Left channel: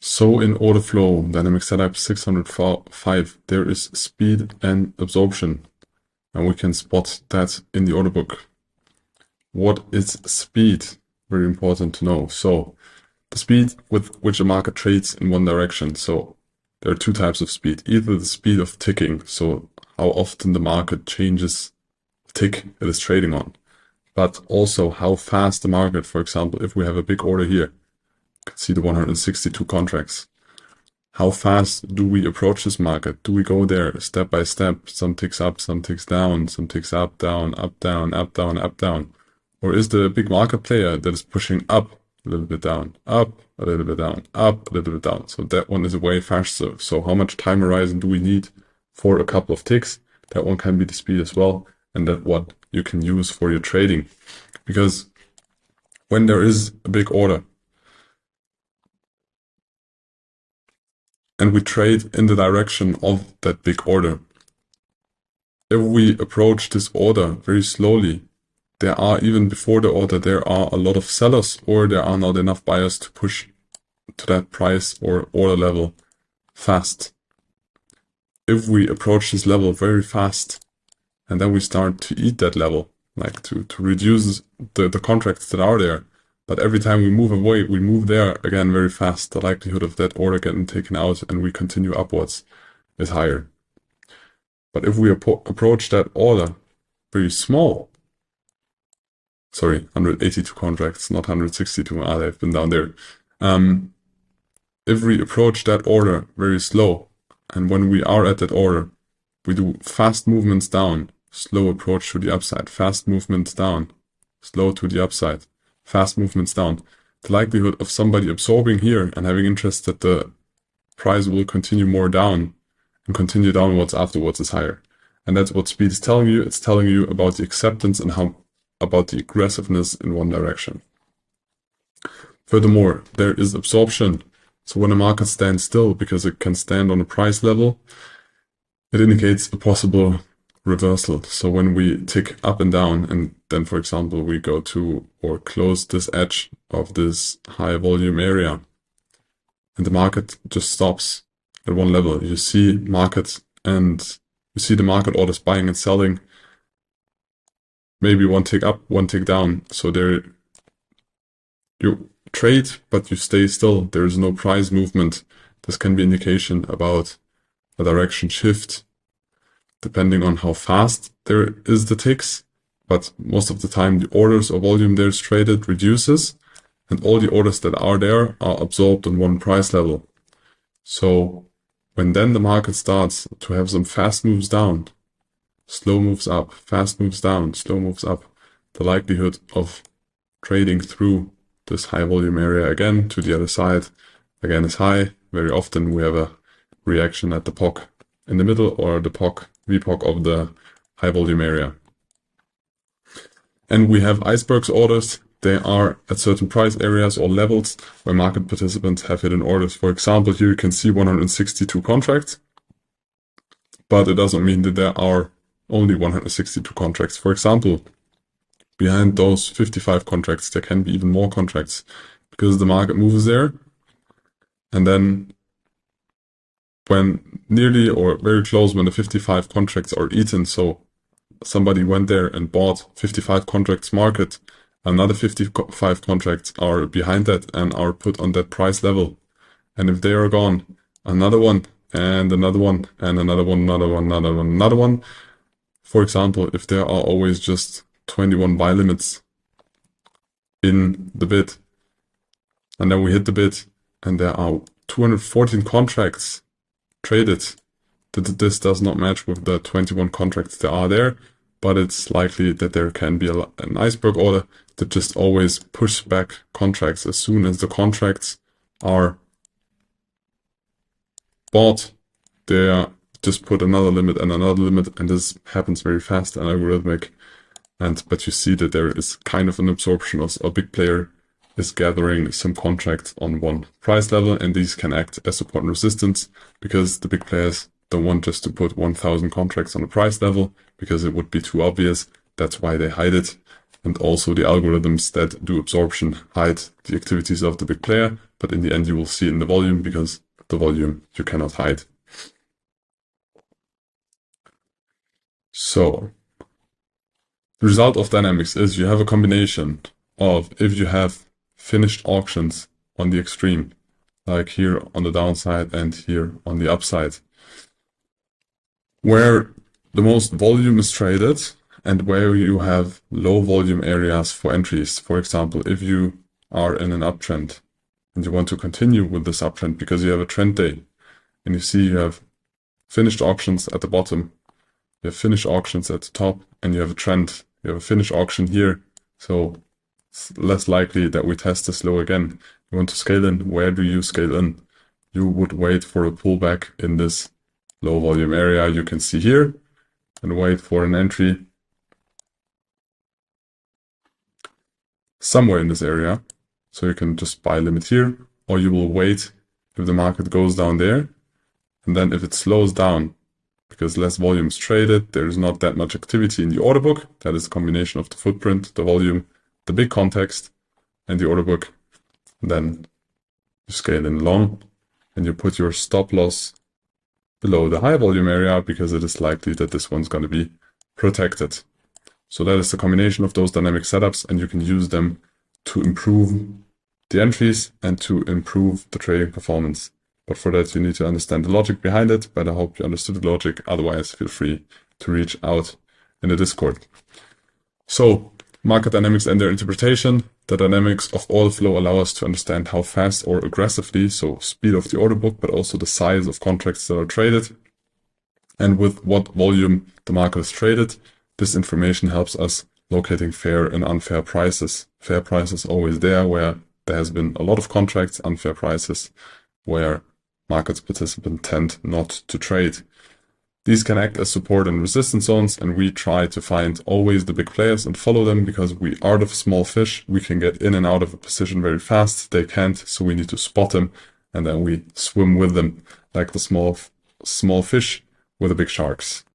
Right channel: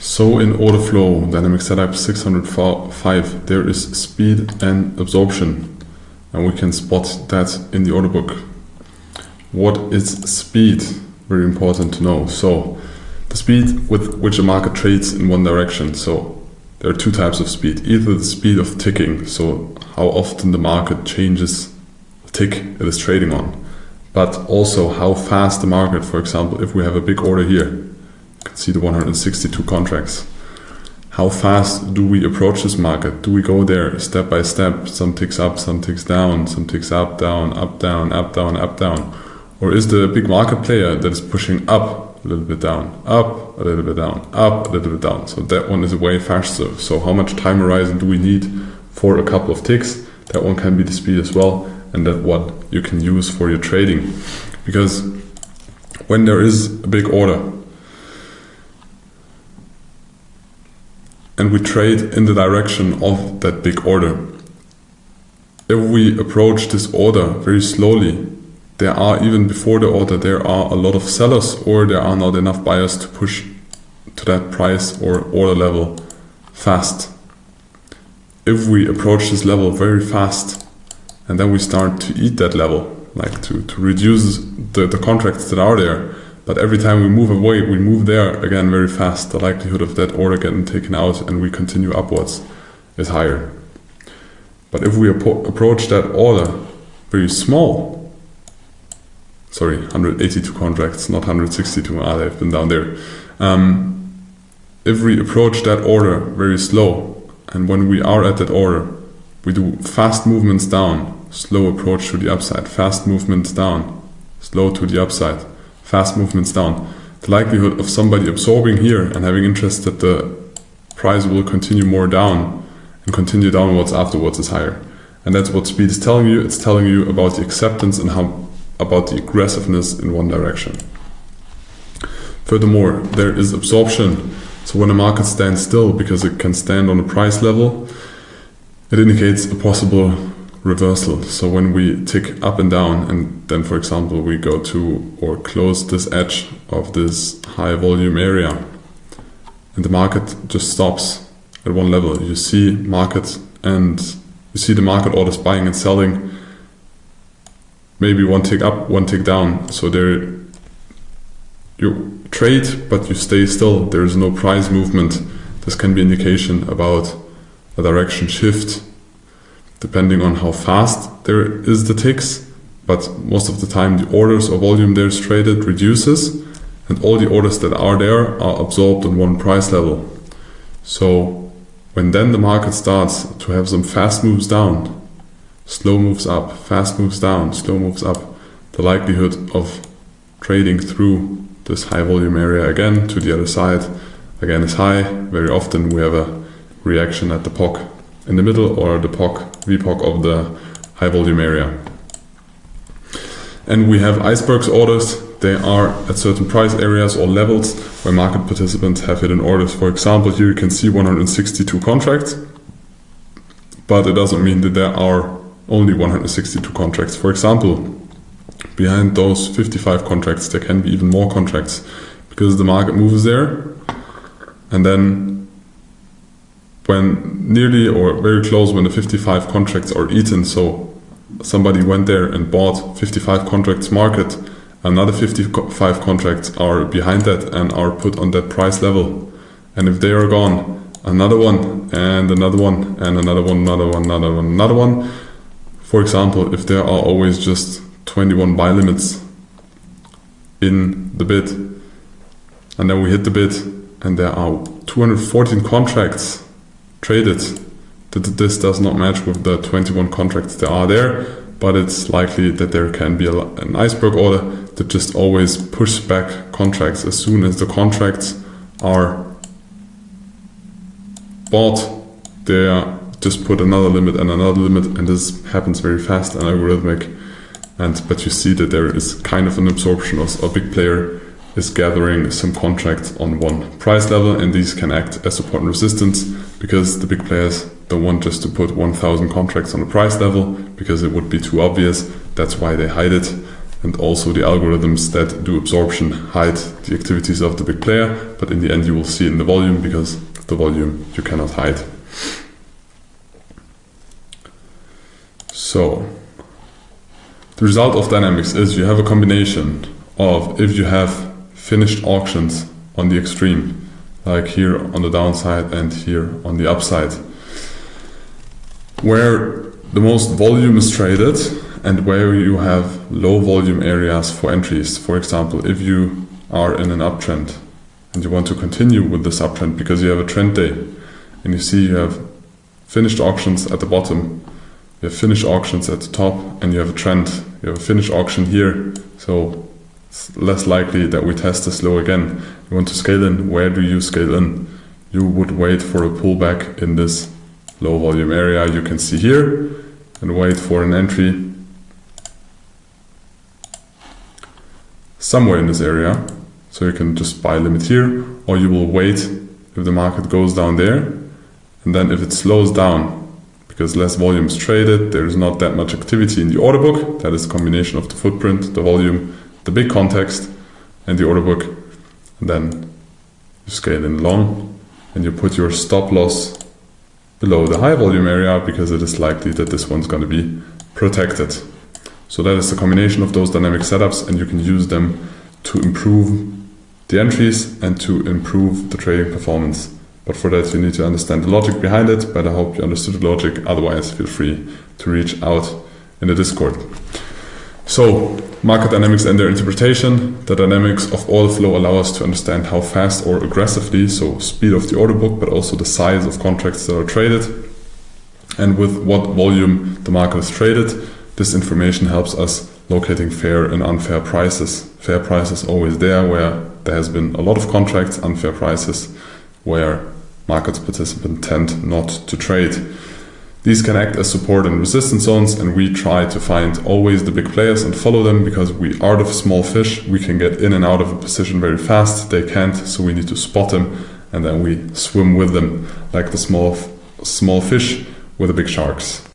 So in Orderflow Dynamic Setup 605 there is speed and absorption, and we can spot that in the order book. What is speed? Very important to know. So the speed with which a market trades in one direction. So there are two types of speed. Either the speed of ticking, so how often the market changes the tick it is trading on, but also how fast the market, for example, if we have a big order here, you can see the 162 contracts. How fast do we approach this market? Do we go there step by step, some ticks up, some ticks down, some ticks up, down, up, down, up, down, up, down? Or is the big market player that is pushing up a little bit down, up a little bit down, up a little bit down? So that one is way faster. So how much time horizon do we need for a couple of ticks? That one can be the speed as well, and that what you can use for your trading. Because when there is a big order, and we trade in the direction of that big order, if we approach this order very slowly, there are, even before the order, there are a lot of sellers, or there are not enough buyers to push to that price or order level fast. If we approach this level very fast, and then we start to eat that level, like to reduce the contracts that are there, but every time we move away, we move there again very fast, the likelihood of that order getting taken out and we continue upwards is higher. But if we approach that order very small, sorry, 182 contracts, not 162, they've been down there. If we approach that order very slow, and when we are at that order, we do fast movements down, slow approach to the upside, fast movements down, slow to the upside, fast movements down, the likelihood of somebody absorbing here and having interest that the price will continue more down and continue downwards afterwards is higher. And that's what speed is telling you. It's telling you about the acceptance and about the aggressiveness in one direction. Furthermore, there is absorption. So when a market stands still, because it can stand on a price level, it indicates a possible reversal. So when we tick up and down, and then, for example, we go to or close this edge of this high volume area, and the market just stops at one level, you see market, and you see the market orders buying and selling, maybe one tick up, one tick down. So there you trade, but you stay still. There is no price movement. This can be indication about a direction shift, depending on how fast there is the ticks, but most of the time the orders or volume there is traded reduces, and all the orders that are there are absorbed on one price level. So when then the market starts to have some fast moves down, slow moves up, fast moves down, slow moves up, the likelihood of trading through this high volume area again to the other side again is high. Very often we have a reaction at the POC in the middle, or the VPOC of the high volume area. And we have icebergs orders. They are at certain price areas or levels where market participants have hidden orders. For example, here you can see 162 contracts, but it doesn't mean that there are only 162 contracts. For example, behind those 55 contracts, there can be even more contracts, because the market moves there, and then when nearly or very close, when the 55 contracts are eaten, so somebody went there and bought 55 contracts market, another 55 contracts are behind that and are put on that price level. And if they are gone, another one and another one and another one, another one, another one, another one. For example, if there are always just 21 buy limits in the bid, and then we hit the bid and there are 214 contracts traded, this does not match with the 21 contracts that are there, but it's likely that there can be an iceberg order that just always pushes back contracts. As soon as the contracts are bought, they just put another limit and another limit, and this happens very fast and algorithmic. But you see that there is kind of an absorption of a big player is gathering some contracts on one price level, and these can act as support and resistance because the big players don't want just to put 1,000 contracts on a price level because it would be too obvious. That's why they hide it. And also the algorithms that do absorption hide the activities of the big player, but in the end you will see in the volume because the volume you cannot hide. So the result of dynamics is you have a combination of, if you have finished auctions on the extreme, like here on the downside and here on the upside, where the most volume is traded and where you have low volume areas for entries. For example, if you are in an uptrend and you want to continue with this uptrend because you have a trend day and you see you have finished auctions at the bottom, you have finished auctions at the top, and you have a trend, you have a finished auction here, so it's less likely that we test this low again. You want to scale in. Where do you scale in? You would wait for a pullback in this low volume area you can see here and wait for an entry somewhere in this area, so you can just buy limit here, or you will wait if the market goes down there, and then if it slows down because less volume is traded, there is not that much activity in the order book. That is a combination of the footprint, the volume, the big context, and the order book. And then you scale in long and you put your stop loss below the high volume area because it is likely that this one's going to be protected. So that is the combination of those dynamic setups, and you can use them to improve the entries and to improve the trading performance. But for that you need to understand the logic behind it, but I hope you understood the logic. Otherwise, feel free to reach out in the Discord. So, market dynamics and their interpretation. The dynamics of order flow allow us to understand how fast or aggressively, so speed of the order book, but also the size of contracts that are traded, and with what volume the market is traded. This information helps us locating fair and unfair prices. Fair prices always there where there has been a lot of contracts, unfair prices where market participants tend not to trade. These can act as support and resistance zones, and we try to find always the big players and follow them because we are the small fish. We can get in and out of a position very fast. They can't, so we need to spot them and then we swim with them like the small fish with the big sharks.